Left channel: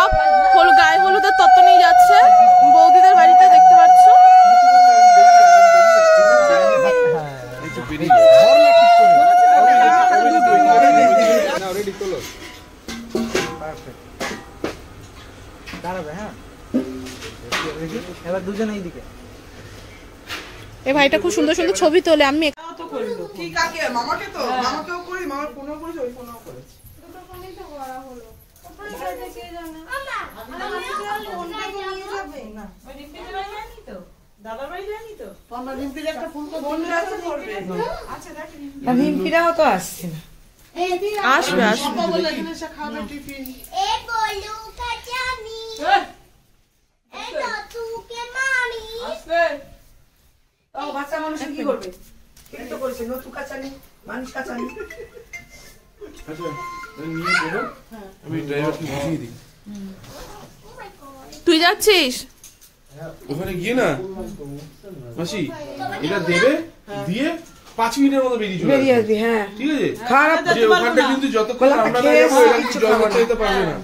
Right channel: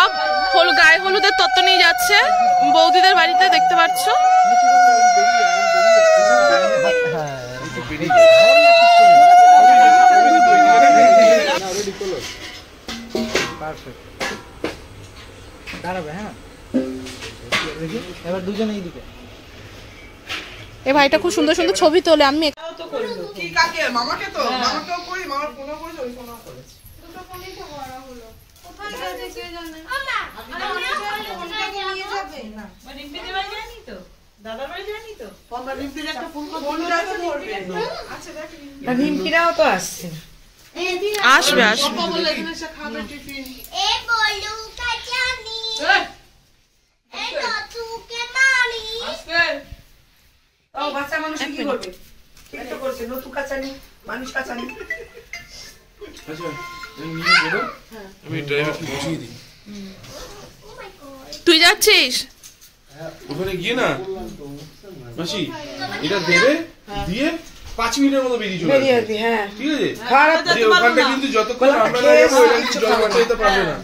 সব গায়ে হলুদের তত্ত্ব নিয়ে যাচ্ছে বৌদিদের বাড়িতে, দেখতে পাচ্ছ। এ ভাইটা খুব সুন্দর সুন্দর ছবি তোলে। আমি আসবে তুই যাচ্ছিস ওখানে গিয়ে না মাসি এটা দেবে দিয়ে 5 মিনিটের মতো বেরিয়ে আসবে। হ্যাঁ ঠিক আছে, খারাপ যে ওখানটা কিন্তু যতক্ষণ আমরা না যাবো ওরা কিন্তু জল বাঁচাইতে পারবে না।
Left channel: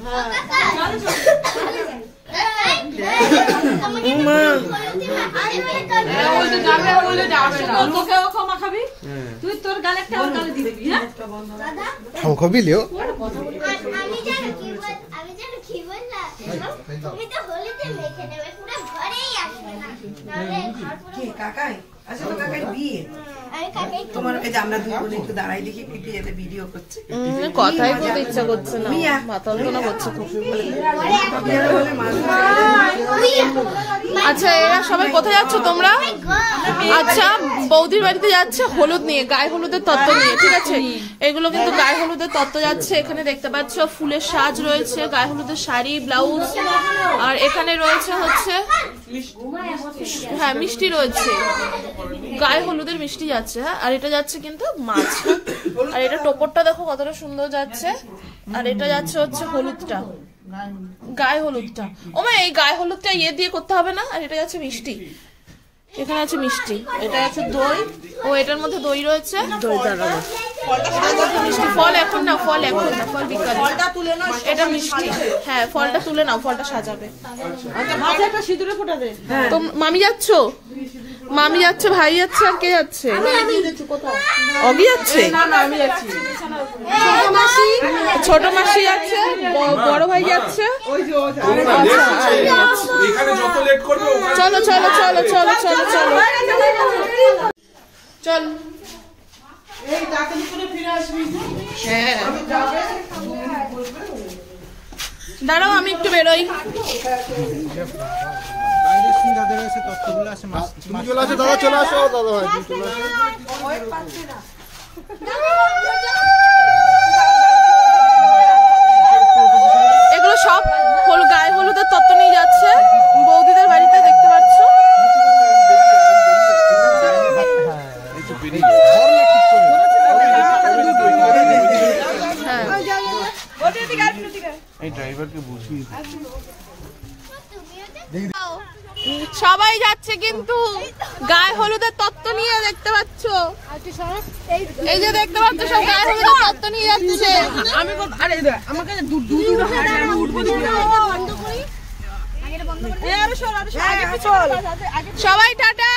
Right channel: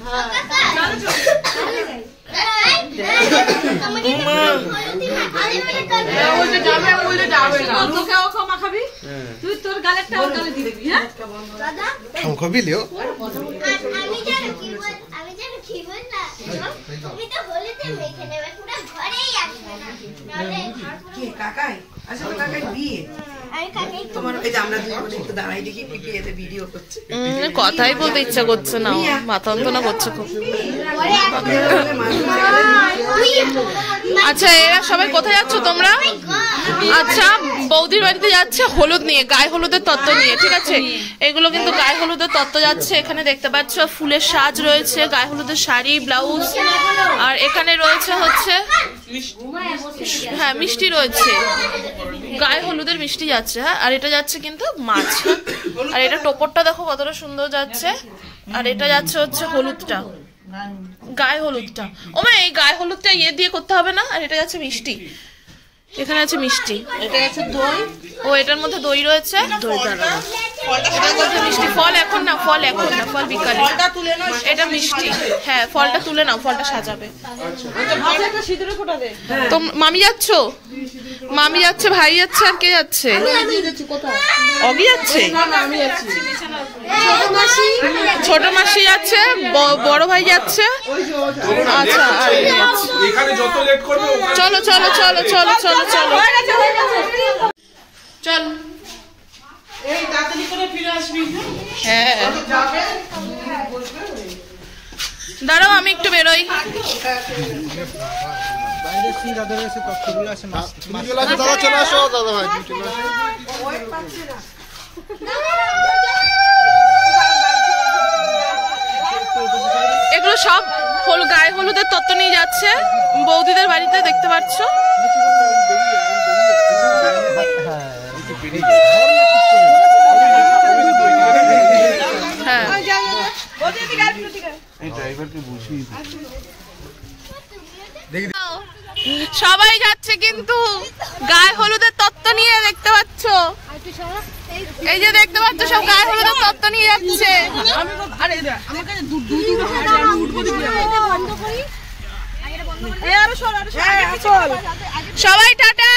কথাই বলতে ইচ্ছা করছে না, মাথা যন্ত্রণা করছে খুব। আচ্ছা এরা সবাই কোথায় যাচ্ছ তোমরা? আচ্ছা বৌদির বাড়িতে যাচ্ছে হলুদ নিয়ে, গায়ে হলুদের তত্ত্ব নিয়ে, ঠিক আছে। এগুলো কিন্তু গায়ে হলুদের তত্ত্ব যাচ্ছে। এখানে দেখতে পাচ্ছ ফুলের সাজ রয়েছে, গায়ে হলুদের শাড়ি ব্লাউজ, আর এখানে রয়েছে হচ্ছে হ্যাঁ মিষ্টি রয়েছে, গায়ে হলুদের মিষ্টি যাচ্ছে। হ্যাঁ আর এটা যাচ্ছে কিন্তু মাছ। আর এটা টোপরটা দেখো কতটা সুন্দর যাচ্ছে। আর এটা যাচ্ছে হচ্ছে হলুদটা, গায়ে হলুদটা। ও মা এই গায়ে হলুদটা ইয়ে দিয়ে করতে হবে না। আর এটা যাচ্ছে মিষ্টি, এখানে আছে মিষ্টি, এটা আছে দই, ও এটার মধ্যে দই রয়েছে, এটার মধ্যে মিষ্টি। ফল এখন না, ফল এখন না, ফল বিকালে। এটা মিষ্টি, হ্যাঁ ফলটা তুলে নাও, ফলটা সাজাবে। তো মামি যাচ্ছ? মামি যাচ্ছে, ভাই যাচ্ছে, আর কে যাচ্ছে? অগি যাচ্ছে, ছোট মাসি যাচ্ছে, বড় ভাই যাচ্ছে। আচ্ছা চলো চলো চলো চলো চলো চলো চল। হ্যাঁ দাঁড়াও আমি একটু বেরোই। এগুলো সব গায়ে হলুদের তত্ত্ব নিয়ে যাচ্ছে বৌদিদের বাড়িতে, দেখতে পাচ্ছ। হ্যাঁ সবাই যাচ্ছে কিন্তু গায়ে হলুদের তত্ত্ব নিয়ে, দেখতে পাচ্ছ। এই যে দেখতে পাচ্ছ সব গায়ে হলুদের তত্ত্ব নিয়ে যাচ্ছে। সবাই টাটা,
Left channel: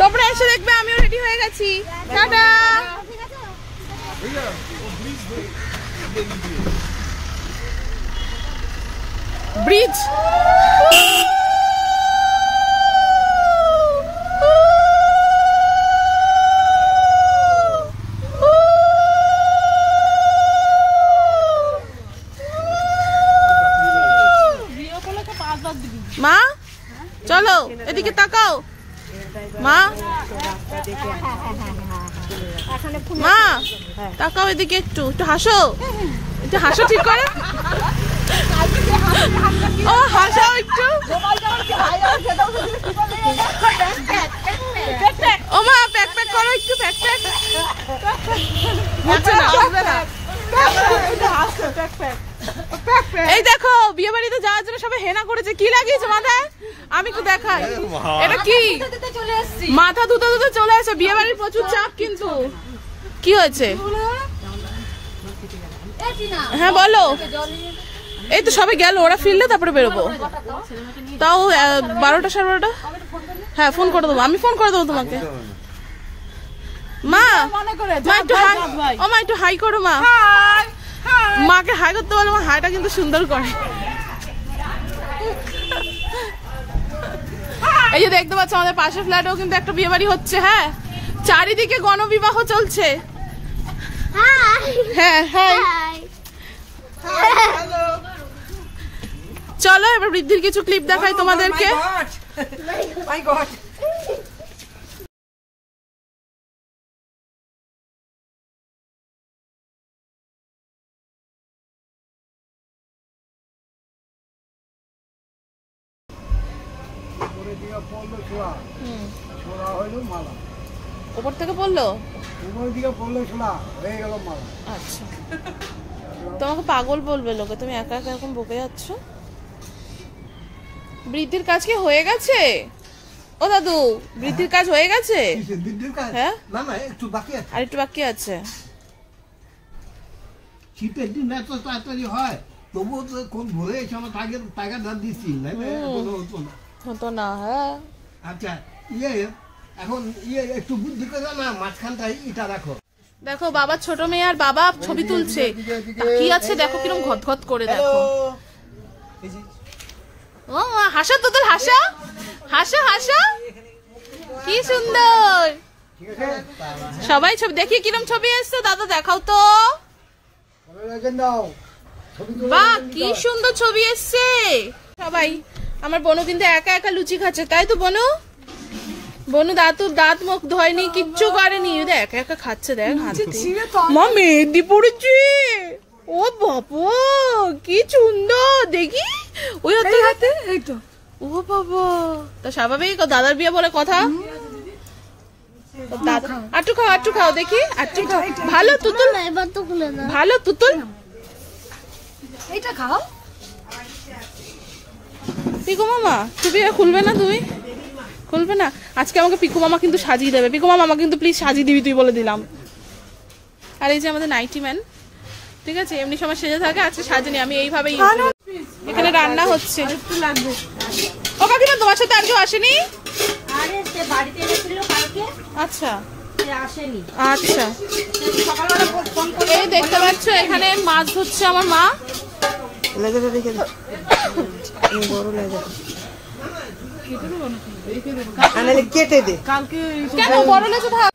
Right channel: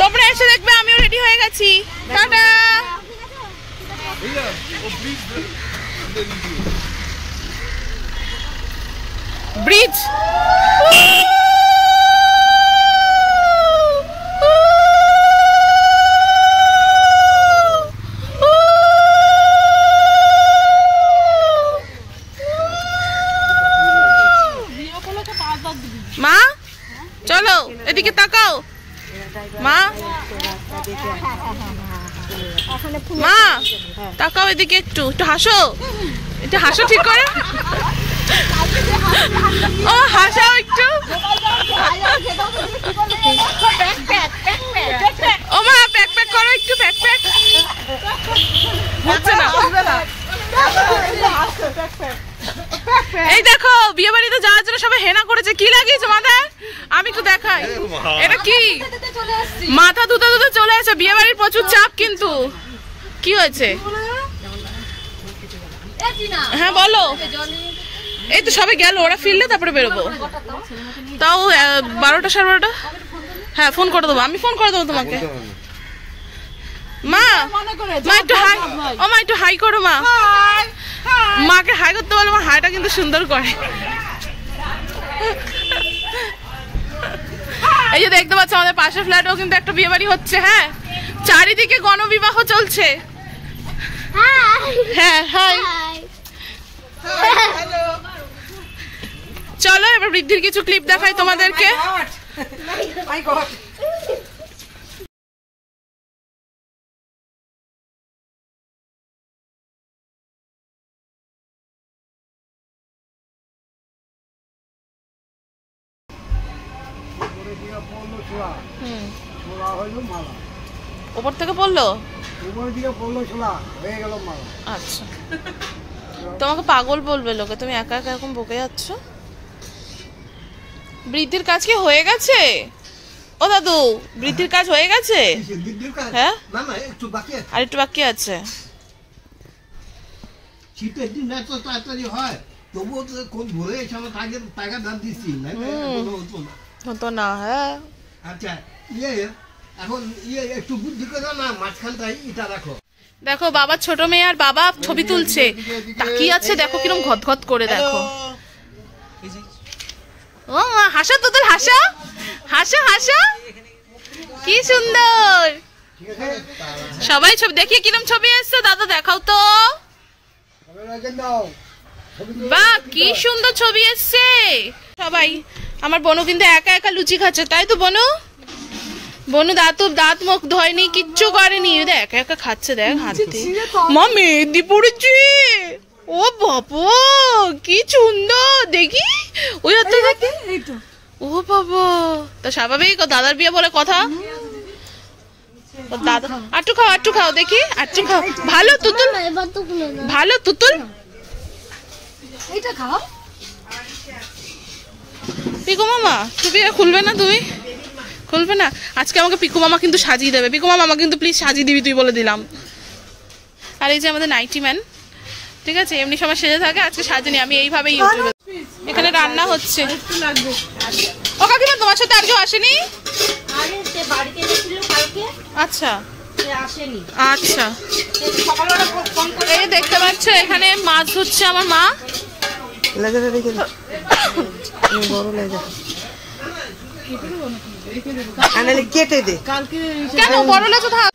তোমরা এসে দেখবে আমিও রেডি হয়ে গেছি। টাটা। ব্রিজ মা চলো এদিকে তাকাও। মা মা তাকাও এদিকে, একটু একটু হাসো, একটু হাসো ঠিক করে। ও হাসাও একটু। ও মা প্যাক প্যাক করো একটু, প্যাক প্যাক হচ্ছে না। এই দেখো বিয়ে বাড়িতে যাওয়ার জন্য সবাই হেনা করেছে। কি লাগিয়েছে মাথায়? আমি একটু দেখাই। এটা কি? মাথা ধুতে ধুতে চলে আসে। বিয়ে বাড়ির প্রচুর চাপ কিন্তু। কি হয়েছে? হ্যাঁ বলো। এই তো সবাই গেল, ওরা ফিরলে তারপরে বেরোবো। তাও 12টা 12:30। হ্যাঁ ফোন করে দেবো, আমি ফোন করে দেবো তোমাকে। মা মা একটু হাই, ও মা একটু হাই করো মা। মাকে হাই করতে বলো, মা হাইটা কিন্তু সুন্দর করে। এই যে দেখতে পাচ্ছ আমাদের পাশের ফ্ল্যাটেও কিন্তু একটা বিয়ে বাড়ি হচ্ছে। হ্যাঁ চারিদিকে গণবিবাহ চলছে। হ্যাঁ হাই। চলো এবার বৃদ্ধির কিছু ক্লিপ দেখাই তোমাদেরকে। উপর থেকে পড়লো, আচ্ছা। তোমাকে পাগল বলবে লোকে, তুমি একা একা এরকম বকে যাচ্ছ। বৃদ্ধির কাজ কি হয়ে গেছে? ও দাদু বৃদ্ধির কাজ হয়ে গেছে? হ্যাঁ আর একটু বাকি আছে। শীতের দিন এত তাড়াতাড়ি হয়, তবুও তো কোন ভরে সময় টাকা দাম দিচ্ছি হতো না। হ্যাঁ আচ্ছা এখন একটু বুদ্ধি করে না, মাঝখানটা ইটা রাখো। দেখো বাবা ছোট মেয়ে আর বাবা ছবি তুলছে, তাকিয়ে আছে দেখো কিরম ঘটঘট করে। দেখো ও হাসা, তোদের হাসা, হাসা হাসা, কি সুন্দর। সবাই ছবি দেখি কিরম ছবি এসছে। দাদা দেখাও তো, বাহ কি সুন্দর ছবি এসছে। সবাই আমার বোনও কিন্তু একা একা লুচি খাচ্ছে, তাই তো বনু? বনু দাঁত মুখ ধয়নি, কিচ্ছু করেনি, একা একা খাচ্ছে। দেখ হাতে মা মেহেন্দি পড়েছে। ও বাবা কি সুন্দর দেখি। ওই হাতে ও বাবা, তা স্বাভাবিক, দাদার বিয়ে বলে কথা। দাদা আটটু খাও দেখি, আটটু খাও। ভালো তুতুল, ভালো তুতুল। এইটা খাও। পিকু মামা টুপি খুলবে না? তুমি খুলবে না? আজকে আমাকে পিকু মামা কিন্তু সাজিয়ে দেবে। পিকু মামা কিন্তু প্লিজ সাজিয়ে দিবি তুই, বলে দিলাম। আর এই যে আমাদের নাইটি ম্যান, ঠিক আছে, এমনি সময় সেজে থাকে, আজকে সাজিনি আমি এইভাবেই। এখানে রান্না হচ্ছে। একটু লাগবে। ও কাকিমা তোমার সাথে আর কেউ আসেনি? আরে সে বাড়িতে এসেছিল কালকে, আচ্ছা সে আসেনি। আচ্ছা সকালবেলা ফোন করে এই দেখতে পাচ্ছ এখানে মাছ ধরছে আমার মা। কেটে দে কালকে। কেন বড় লেজু থাক।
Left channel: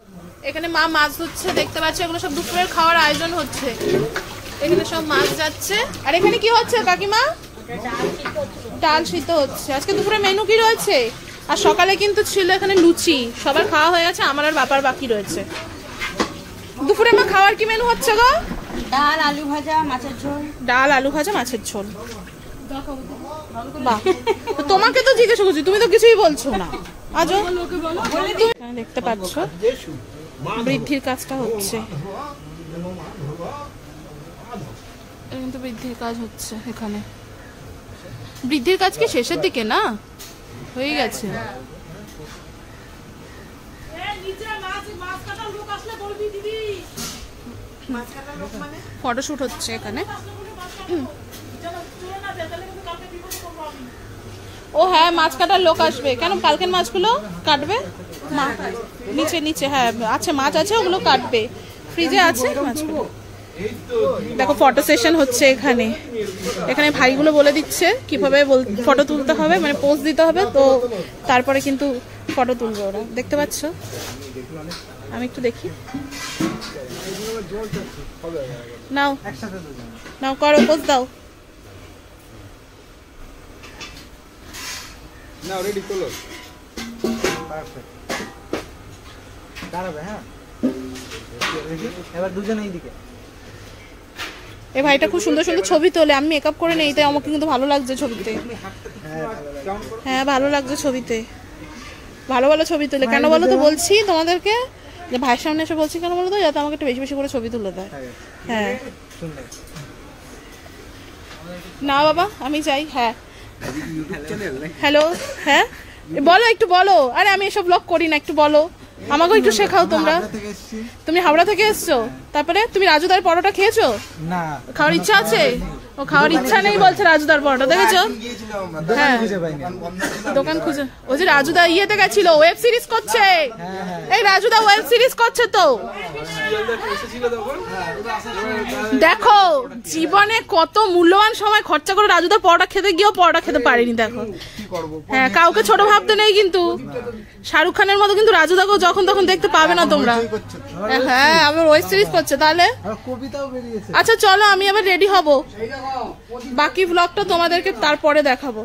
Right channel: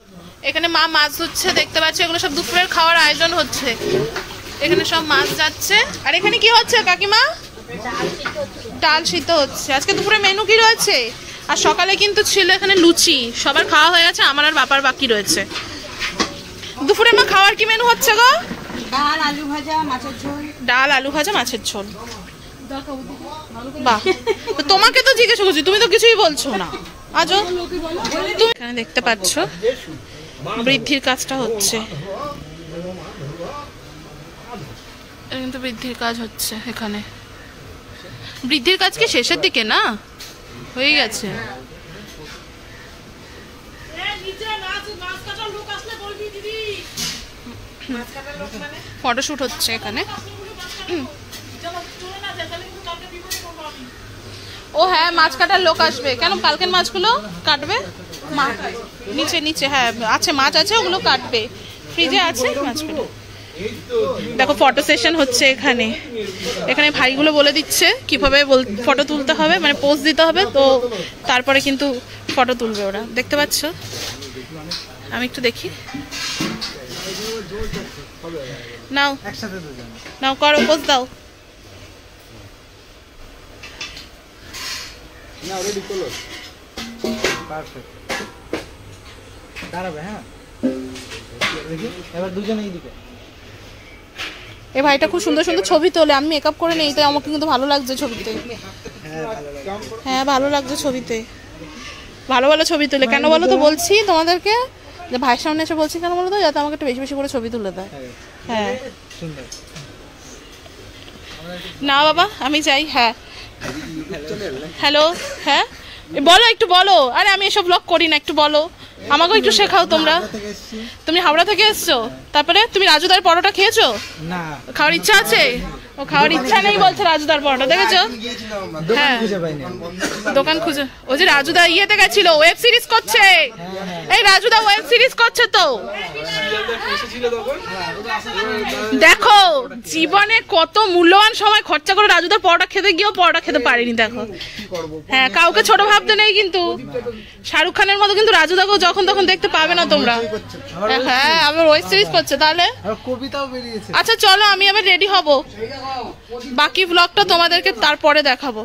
এখানে মা মাছ ধরছে দেখতে পাচ্ছ, এগুলো সব দুপুরের খাওয়ার আয়োজন হচ্ছে। এখানে সব মাছ যাচ্ছে। আর এখানে কি হচ্ছে কাকিমা? ডাল সিদ্ধ হচ্ছে। আজকে দুপুরে মেনু কি রয়েছে? আর সকালে কিন্তু ছিল এখানে লুচি, সবার খাওয়া হয়ে গেছে, আমার আর বাবার বাকি রয়েছে। দুপুরে মা খাওয়ার কি মেনু হচ্ছে গো? ডাল আলু ভাজা মাছের ঝোল। ডাল আলু ভাজা মাছের ঝোল। বাহ, তোমাকে তো জিজ্ঞেস করছি, তুমি তো কিছুই বলছো না। আজও এখানে দেখতে পাচ্ছ বৃদ্ধির কাজটা হচ্ছে। কিন্তু বৃদ্ধির কাজ হচ্ছে এখানে। বৃদ্ধির কাজ কি শেষের দিকে না? হয়ে গেছে। ফটোশুট হচ্ছে এখানে। ও হ্যাঁ মাছ কাটার লোক আসবে। কেন কালকের মাছগুলো কাটবে? নিচে নিচে হ্যাঁ আছে, মাছ আছে, ওগুলো কাটবে, ফ্রিজে আছে মাছগুলো। দেখো ফটো সেশন হচ্ছে এখানে। এখানে ভাইগুলো বলে দিচ্ছে কিভাবে ফটো তুলতে হবে, মানে পোজ দিতে হবে, তো তারপরে কিন্তু ফটো তুলবে ওরা। দেখতে পাচ্ছ? আমি একটু দেখি। নাও নাও করো, পোজ দাও। এই ভাইটা খুব সুন্দর সুন্দর ছবি তোলে। আমি মেকআপ করে নেই, তাই আমাকে কিন্তু ভালো লাগছে ছবিতে। হ্যাঁ ভালো লাগছে ছবিতে, ভালো ভালো ছবি তোলে। কেন বলো তো বলছি তোমাদেরকে, যে ভাইয়ের সামনে এসে বলছি কেন বলো তো, যাতে আমাকে একটু বেশি বেশি করে ছবি তুলে দেয়। হ্যাঁ না বাবা আমি যাই। হ্যাঁ হ্যালো, হ্যাঁ বলো একটু বলো। আরে আমি এসব ব্লগ করি না, একটু বলো। আমাকেও একটু শেখাও তোমরা। তুমি হাওড়া থেকে এসছো, তারপরে তুমি রাজুদার পরোটা খেয়েছো? না, খাওয়ার ইচ্ছা আছে? ও খাওয়ার ইচ্ছা নেই বলছে রাজুদার পরোটা, দেখেছো? হ্যাঁ, দোকান খুঁজে। ও যে রাজুদা ইয়েতে গেছিল, ওয়েব সিরিজ করছে। এই রাজুদা ওয়েব সিরিজ করছে তো। দেখো জীবনে কত মূল্যবান সময় খরচা করে রাজুদার পরোটা খেতে গিয়েও পরোটা খেতে পারিনি। দেখো, হ্যাঁ, কাউকে ছোট ভাবতে নেই, কিন্তু শাহরুখ খানের মতো কিন্তু রাজুদাকেও যখন তখন দেখতে পাবে না তোমরা। হ্যাঁ, আবার ওয়েব সিরিজ করছে। তাহলে কবিতাও বেরিয়েছে। আচ্ছা চলো, আমি আবার রেডি হব, বাকি ব্লগটা তোমাদেরকে তারপরে দেখাবো।